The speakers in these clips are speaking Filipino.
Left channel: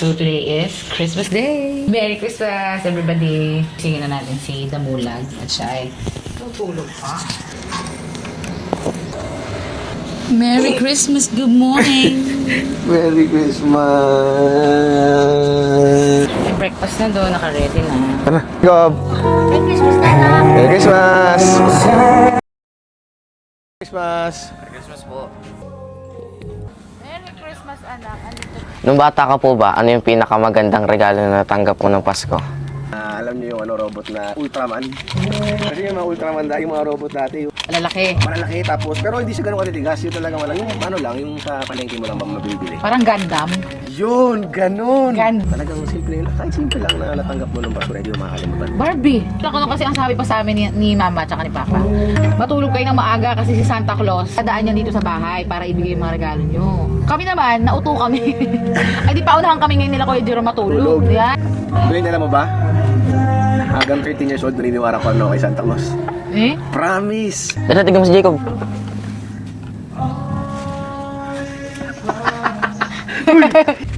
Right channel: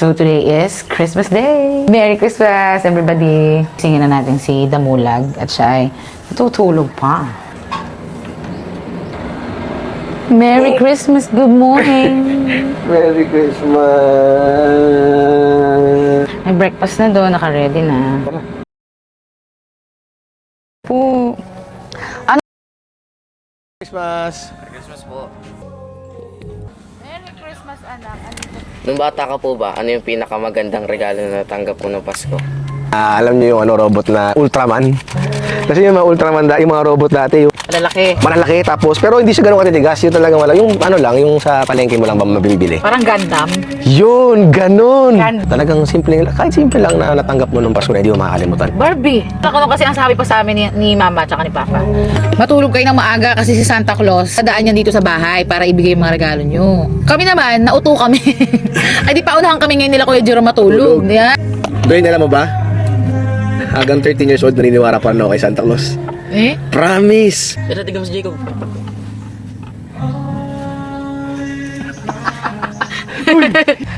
So today is Christmas Day! Merry Christmas, everybody! Singin na natin si Damulag at siya ay tutulog pa. Merry Christmas, good morning! Merry Christmas! May breakfast na doon, naka-ready na. Tara, go! Merry Christmas na! Merry Christmas! Merry Christmas! Merry Christmas po. Merry Christmas, anak. Andito. Nung bata ka po ba, ano yung pinakamagandang regalo na natanggap mo ng Pasko? Alam niyo yung robot na Ultraman? Kasi yung mga Ultraman, yung mga robot dati, yung Malalaki. malalaki tapos, pero hindi siya ganun katitigas. Yung talagang wala, yung yung sa palengke mo lang ba mabibili. Parang Gundam. Yun, ganun! Gan- Talagang simple, kahit simple lang na natanggap mo ng Pasko na hindi mo makakalimutan. Barbie. Ako kasi ang sabi pa sa amin ni Mama at ni Papa. Matulog kayo ng maaga kasi si Santa Claus dadaan niya dito sa bahay para ibigay yung mga regalo nyo. Kami naman, nauto kami. Ay di paunahan kami ngayon nila Kuya Jerome matulog. Yan. Doon, alam mo ba? Hanggang 13 years old, naniniwara pa ako kay Santa Claus. Eh? Promise! Pero tingnan mo si Jacob.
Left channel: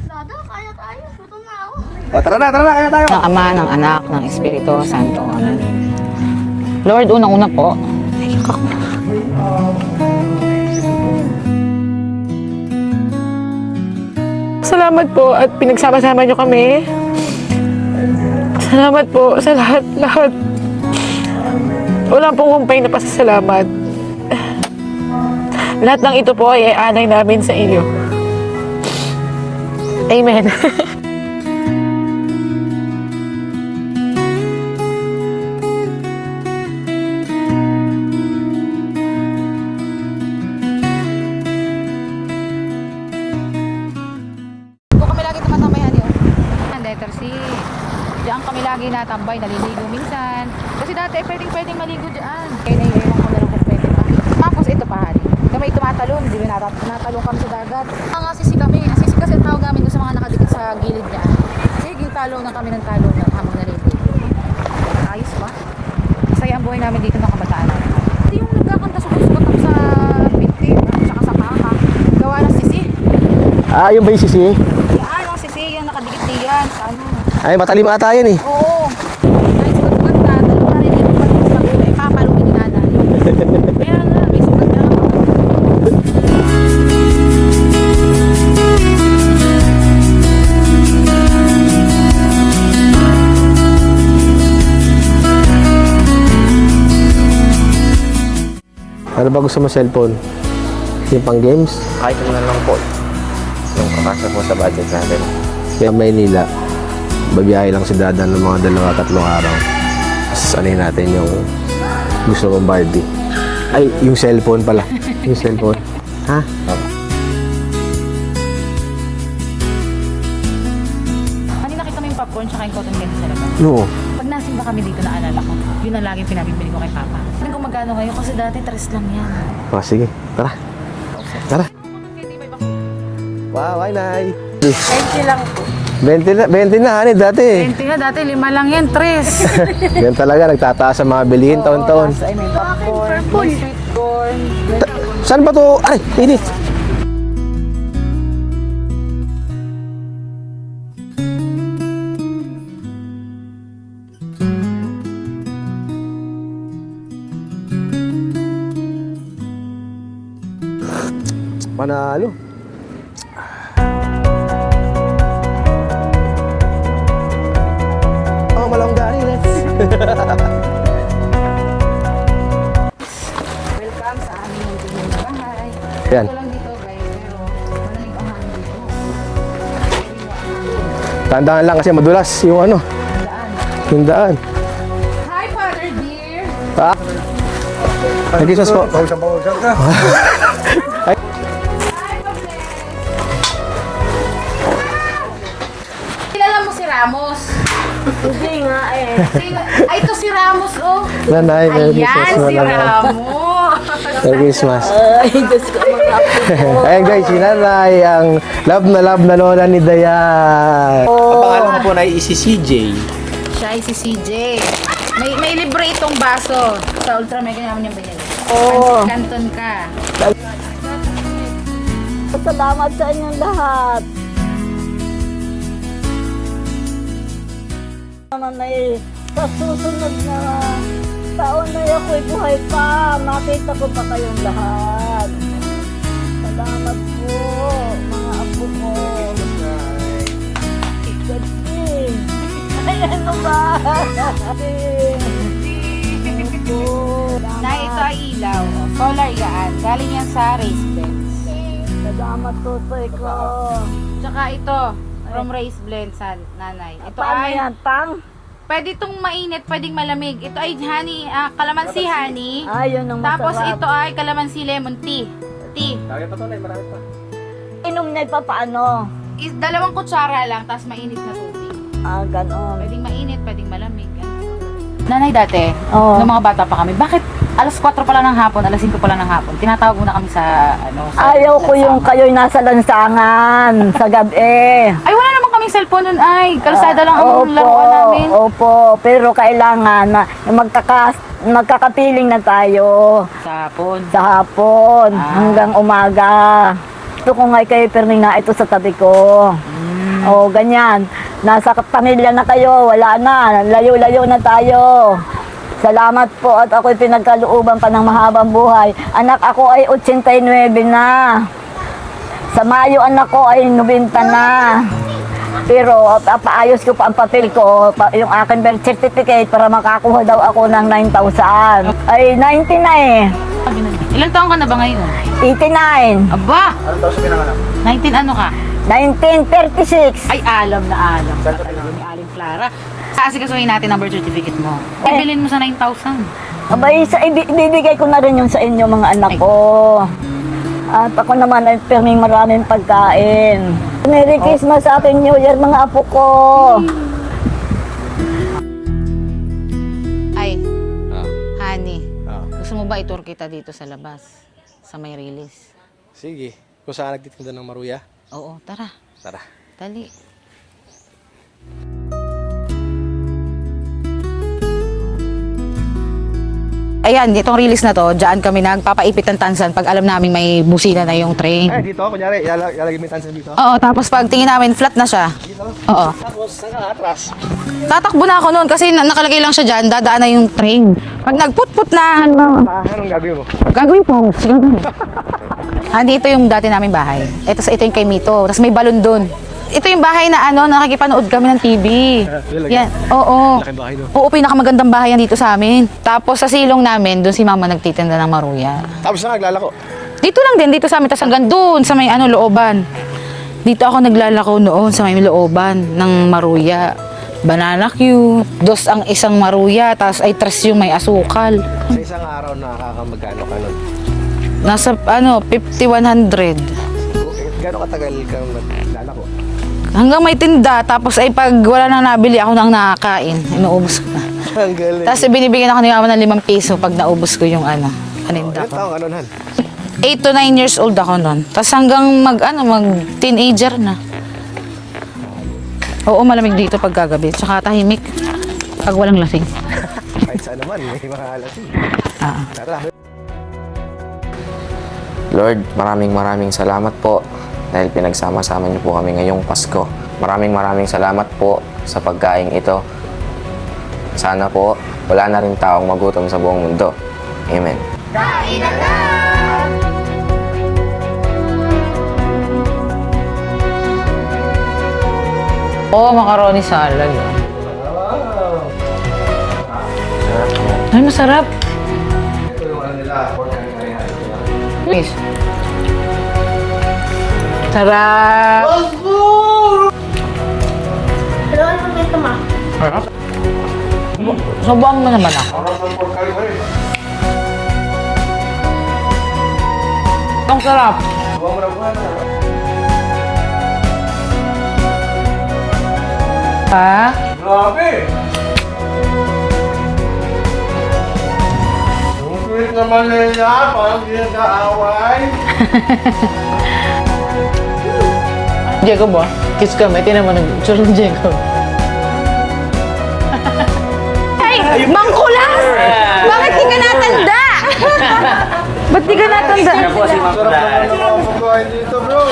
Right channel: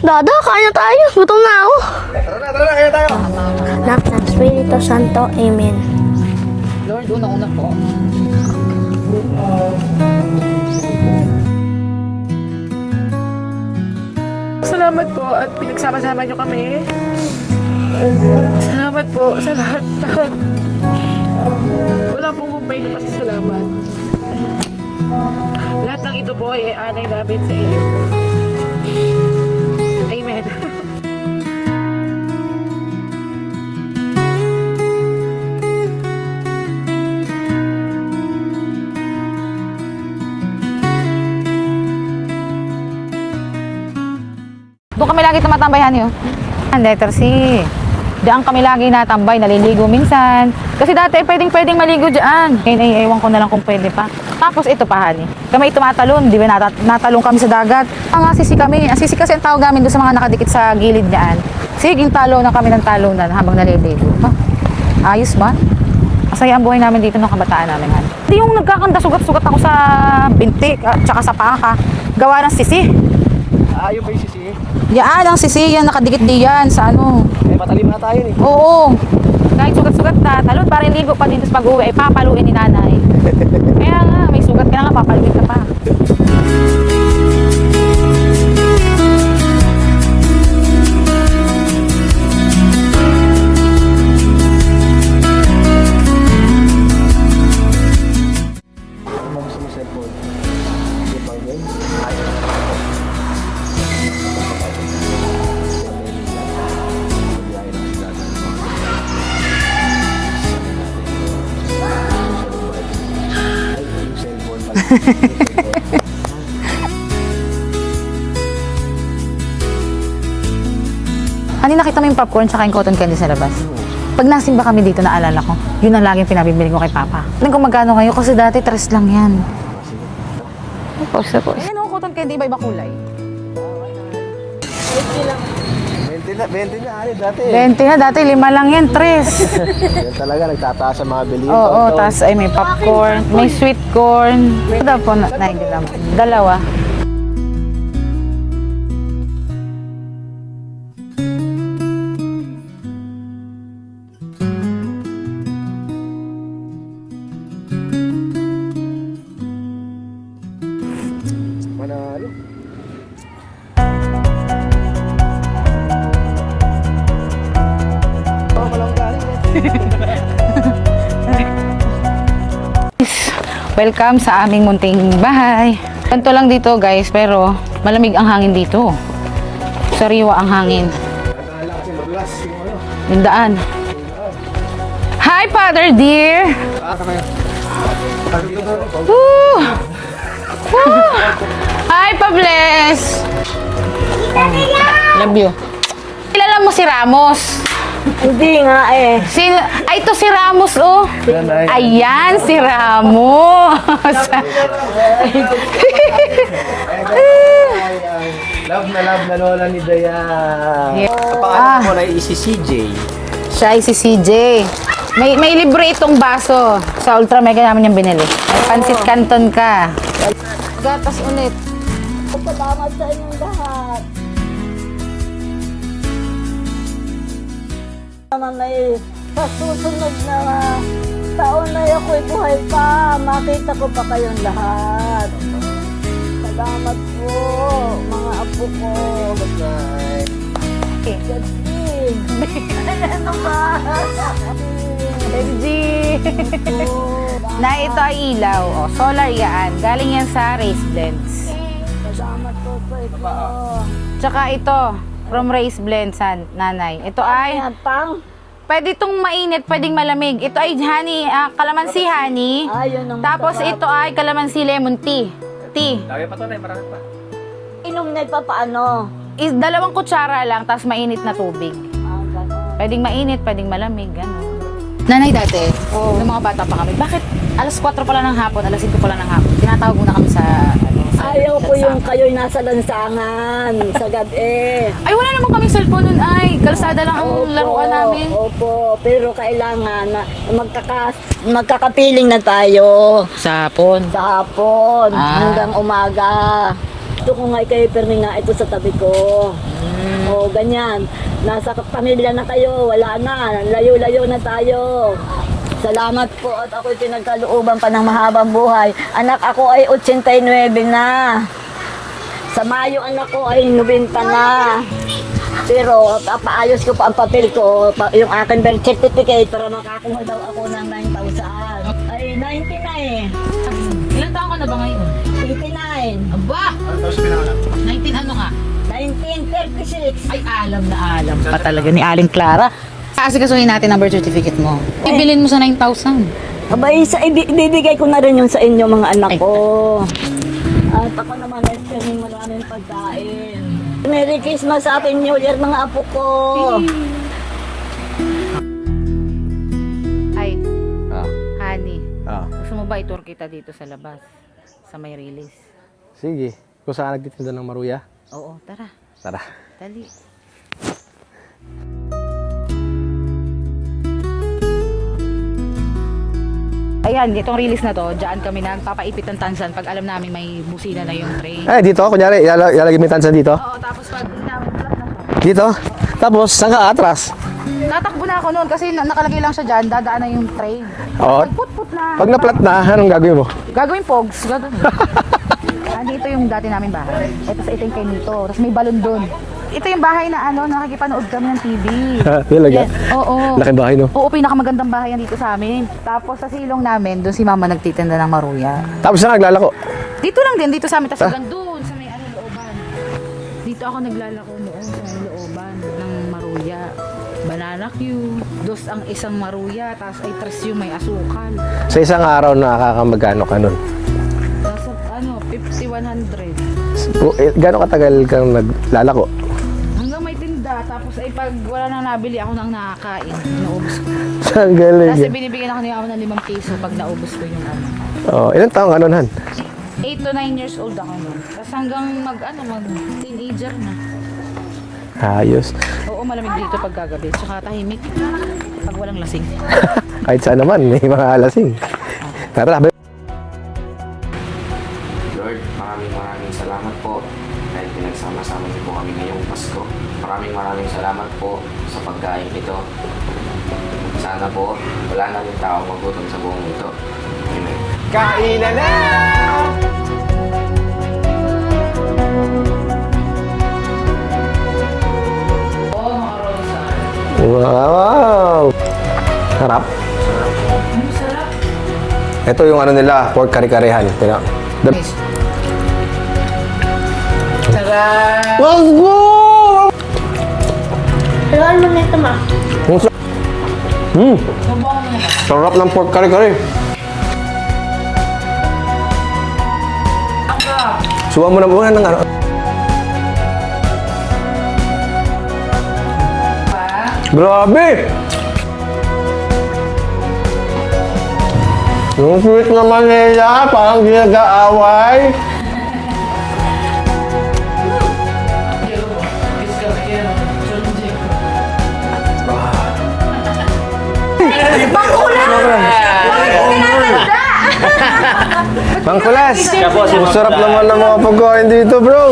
Dada, kaya tayo. Gutom na ako. Tara na, kaya tayo! Ng Ama, ng Anak, ng Espiritu Santo. Amen. Lord, unang-una po. Salamat po at pinagsama-sama nyo kami. Salamat po sa lahat. Wala pong kumpay na pasasalamat. Lahat ng ito po ay aanay namin sa inyo. Amen. Doon kami lagi tumatambayan yun. Letter C. Diyan kami lagi natambay, naliligo minsan. Kasi dati pwedeng maligo diyan. Kaya ewan ko na lang kung pwede pa. Tapos ito pa, honey. Kami tumatalon, di ba natalon kami sa dagat. Ang asisi kami. Asisi kasi ang tawag namin doon sa mga nakadikit sa gilid niyan. Siging talo na kami ng talonan habang naliligo. Ayos ba? Masaya ang buhay namin dito ng kabataan namin. Hindi yung nagkakanda, sugat-sugat ako sa binti at saka sa paka. Gawa ng sisi. Yung ba yung sisi? Yan, ang sisi, yan, nakadikit diyan sa ano. Ay, matalima tayo eh. Oo. Kahit sugat-sugat na, talon pa rin iko pa dito sa mag-uwi, papaluin ni nanay. Kaya nga, may sugat ka na nga, papaluin ka pa. Ano ba gusto mo cellphone? Yung pang games? Kahit ano na lang po. Pasok mo sa budget natin. Kaya Maynila, babiyahe lang si Dada ng mga 2-3 araw. Sanay natin yung gusto mong Barbie. Ay, yung cellphone pala. Yung cellphone. Ha? Ano nakita mo yung popcorn tsaka yung cotton candy sa labas? No. Pag nasimba kami dito, naalala ko, yun ang laging pinabibili ko kay Papa. Alam kung magkano ngayon kasi dati 3 lang yan. Sige, tara. Tara. Ano cotton candy, iba-iba kulay? Wow, ay, nay. 20 lang. 20 na, hani, dati. 20 na, dati 5 lang yan, 3. Yan talaga, nagtataas ang mga bilihin Oo, taon-taon. tapos ay may popcorn, may sweet corn. Saan ba to? Ay, dalawa. Panalo. Oh, malong galing. Welcome sa aming munting bahay. Ganito lang dito guys, pero malamig ang hangin dito. Sariwa ang hangin. Tandaan lang kasi madulas yung Yung daan. yung daan. Hi, Father dear! Nag-Jesus po. Hi, Pables! Love you. Kilala mo si Ramos? Hindi nga eh. Ay, ito si Ramos, oh. Nanay, Ayan, si Ramos. Merry Christmas. Ayan guys, si Nanay, ang love na lola ni Dayan. Ang pangalan ko po na si CJ. Siya ay si CJ. May libre itong baso. Sa Ultra Mega namin yung binili. Pansit Canton ka. Gatas ulit. Salamat sa inyong lahat. naman ay sa susunod na taon na ako'y buhay pa, makita ko pa kayong lahat. Salamat po, mga apo ko. God bless. Ano ba? Na ito ay ilaw. O, solar yan. Galing yan sa race blends. Salamat po, ko. Tsaka ito, from race blends, nanay. Ito Ano ay, yan, pang? pwede itong mainit, pwedeng malamig. Ito ay honey, calamansi honey. Ayun ang Tapos masarap. ito ay calamansi lemon tea. Tea. Inom na pa paano? Is 2 kutsara lang, tapos mainit na tubig. Ganon. Pwedeng mainit, pwedeng malamig. Ganun. Nanay dati, Oo. nung mga bata pa kami, bakit alas 4 pala ng hapon, alas 5 pala ng hapon, tinatawag mo na kami sa... Ayaw ko yung kayo'y nasa lansangan sa gabi. Ay, wala naman kaming cellphone nun, ay. Kalsada lang ang laruan namin. Opo, pero kailangan na magkakapiling na tayo Sa hapon. sa hapon hanggang umaga. Ito ko nga kay Perming na ito sa tabi ko. O, ganyan. Nasa pamilya na kayo, wala na. Layo-layo na tayo. Salamat po at ako'y pinagkalooban pa ng mahabang buhay. Anak ako ay 89 na. Sa Mayo anak ko ay 90 na. Pero paayos ko pa ang papel ko, yung akin birth certificate para makakuha daw ako ng 9,000. Ay 90 na eh. Ilan taon ka na ba ngayon? 89. Aba! 19 ano ka? 1936. Ay, alam na alam pa talaga ni Aling Clara. Asikasuhin natin ang birth certificate mo. Ibilin mo sa 9,000. Abay, ibibigay ko na rin yun sa inyo mga anak ko. At ako naman ay perming maraming pagkain. Merry Christmas, Happy New Year mga apo ko. Ay, honey. Gusto mo ba itur kita dito sa labas? Sa may release? Sige. Kung saan nagtitinda ng maruya? Oo, tara. Tara. Dali. Ayan, itong release na to, dyan kami nagpapaipit ng tansan pag alam namin may busina na yung train. Ay, dito. Kunyari, ilalagay mo yung tansan dito. Oo, tapos pag tingin namin, flat na siya. Dito? Oo. Tapos, saan ka atras? Tatakbo na ako noon kasi nakalagay lang siya dyan, dadaan na yung train. Pag Oo. nagput-put na, Pag na-flat na, anong gagawin mo? gagawin po. Gagawin. Dito yung dati namin bahay. Ito yung kay Mito. Tapos may balon doon. Ito yung bahay na nakikipanood kami ng TV. Talaga? Oo. Laki bahay, no? Oo, pinakamagandang bahay yan dito sa amin. Tapos sa silong namin, doon si mama nagtitinda ng maruya. Tapos na naglalako. Dito lang din, dito sa amin. Tapos hanggang doon, sa may looban. Dito ako naglalako noon sa may looban ng maruya. Banana cute, dos ang isang maruya, tapos ay 3 yung may asukal. Sa isang araw, nakakamagano ka nun? Nasa 5,100. Gano'ng katagal kang naglalako? Hanggang may tinda, tapos ay pag wala nang nabili, ako nang nakakain. Inuubos ko na. Ang galing. Tapos binibigyan ako ni mama ng 5 piso pag naubos ko yung Ilan taong ka nun, Han? 8 to 9 years old ako noon. Tapos hanggang mag-teenager na. Ayos. Oo, malamig dito pag gagabi. Tsaka tahimik pag walang lasing. Kahit saan naman, may mga alasing. Tara, Lord, maraming salamat po dahil pinagsama-sama niyo po kami ngayong Pasko. Maraming salamat po sa pagkain ito. Sana po wala na rin taong magutom sa buong mundo. Amen. Oo, macaroni salad. wow! Sarap. Ay, masarap. Ito yung nila, pork kare-karehan. Tingnan. Please. Sarap. Kailangan mo na ito, ma. Subuan mo naman ako. Sarap ng pork kare-kare. Ang sarap. Suwa mo na muna ng ano. Ha? Grabe! Yung sweet naman nila, parang ginag-aaway. Jacob ba? Kiss kami. Tinan mo ng picture ni Jacob. Ay! Bangkulan! Bakit di ka natanda? Ba't di ka natanda? Sarap naman ng mga pagkain dito, bro.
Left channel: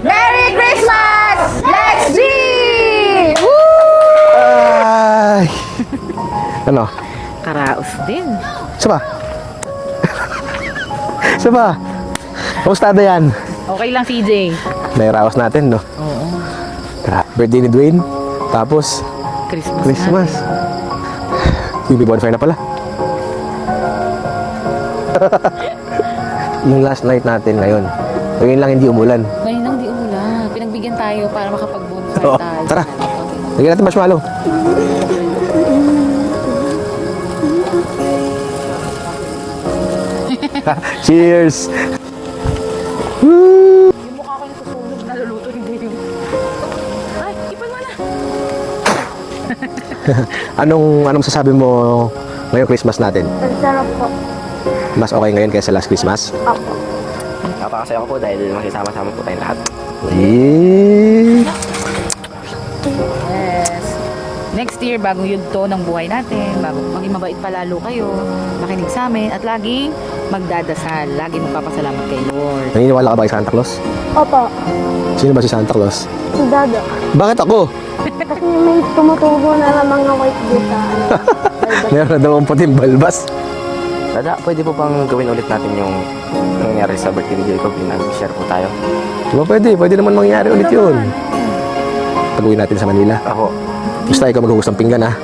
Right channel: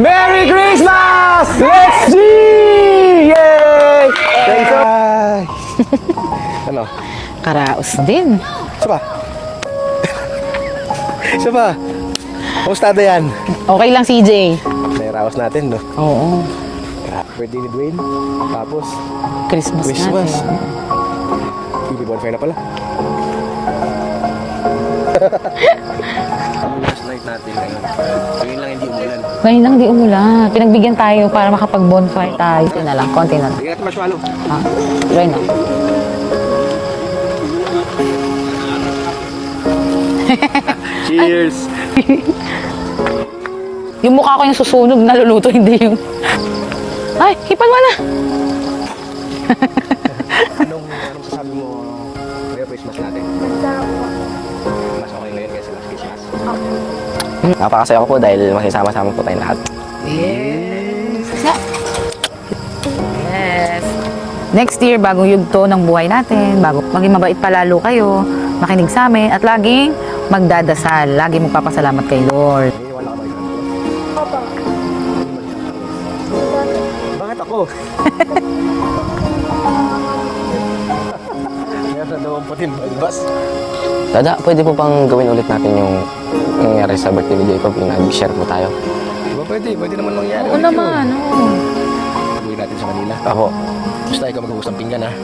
Merry Christmas! Let's see! Yay! Ano? Karaos din. Saba? Saba? Kamusta na yan? Okay lang, CJ. May raos natin, no? Oo. Birthday ni Dwayne. Tapos, Christmas. Christmas. natin. UB bonfire na pala. Yung last night natin ngayon. Ayun lang hindi umulan. Ngayon lang di umulan. Pinagbigyan tayo para makapag-bonfire Oo, tayo. tara. Ito na lang, konti na. Lagyan natin marshmallow. Try na. Cheers! Yung mukha ko yung susunog, naluluto, hindi yung... Ay, hipan mo na! Anong sasabi mo ngayong Christmas natin? Sarap po. Mas okay ngayon kaysa last Christmas? Napakasaya ko po dahil magsasama-sama po tayo lahat. Yes. Next year, bagong yugto ng buhay natin, bago maging mabait palalo kayo, makinig sa amin, at laging magdadasal. Lagi magpapasalamat kay Lord. Naniniwala ka ba kay Santa Claus? Opo. Sino ba si Santa Claus? Si Dada. Bakit ako? Kasi may tumutubo na ng mga white data. Meron na daw ang puting balbas. Dada, pwede po pang gawin ulit natin yung nangyari sa birthday ni Jacob, yung nag-share po tayo. Diba pwede naman mangyari ulit yun. Taguin natin sa Manila. Ako, Basta ikaw maghugas ng pinggan, ha?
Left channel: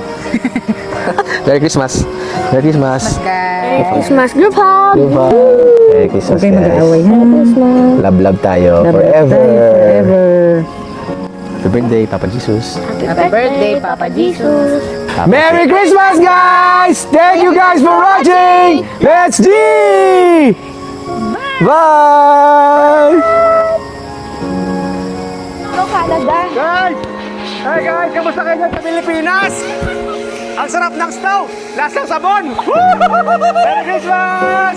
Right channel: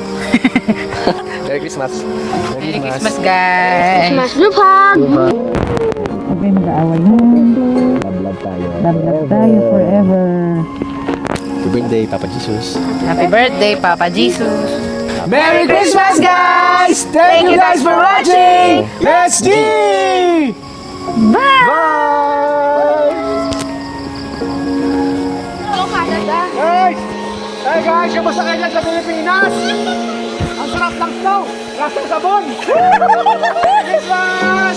Merry Christmas! Merry Christmas! Guys! Smash group hug! Merry Christmas, guys. Love tayo. Forever. Happy birthday, Papa Jesus. Happy birthday, Papa Jesus! Merry Christmas, guys! Thank you guys for watching! Let's G! Bye! Guys! Hi guys! Kamusta kayo dyan sa Pilipinas? Ang sarap ng snow! Lasang sabon! Merry Christmas!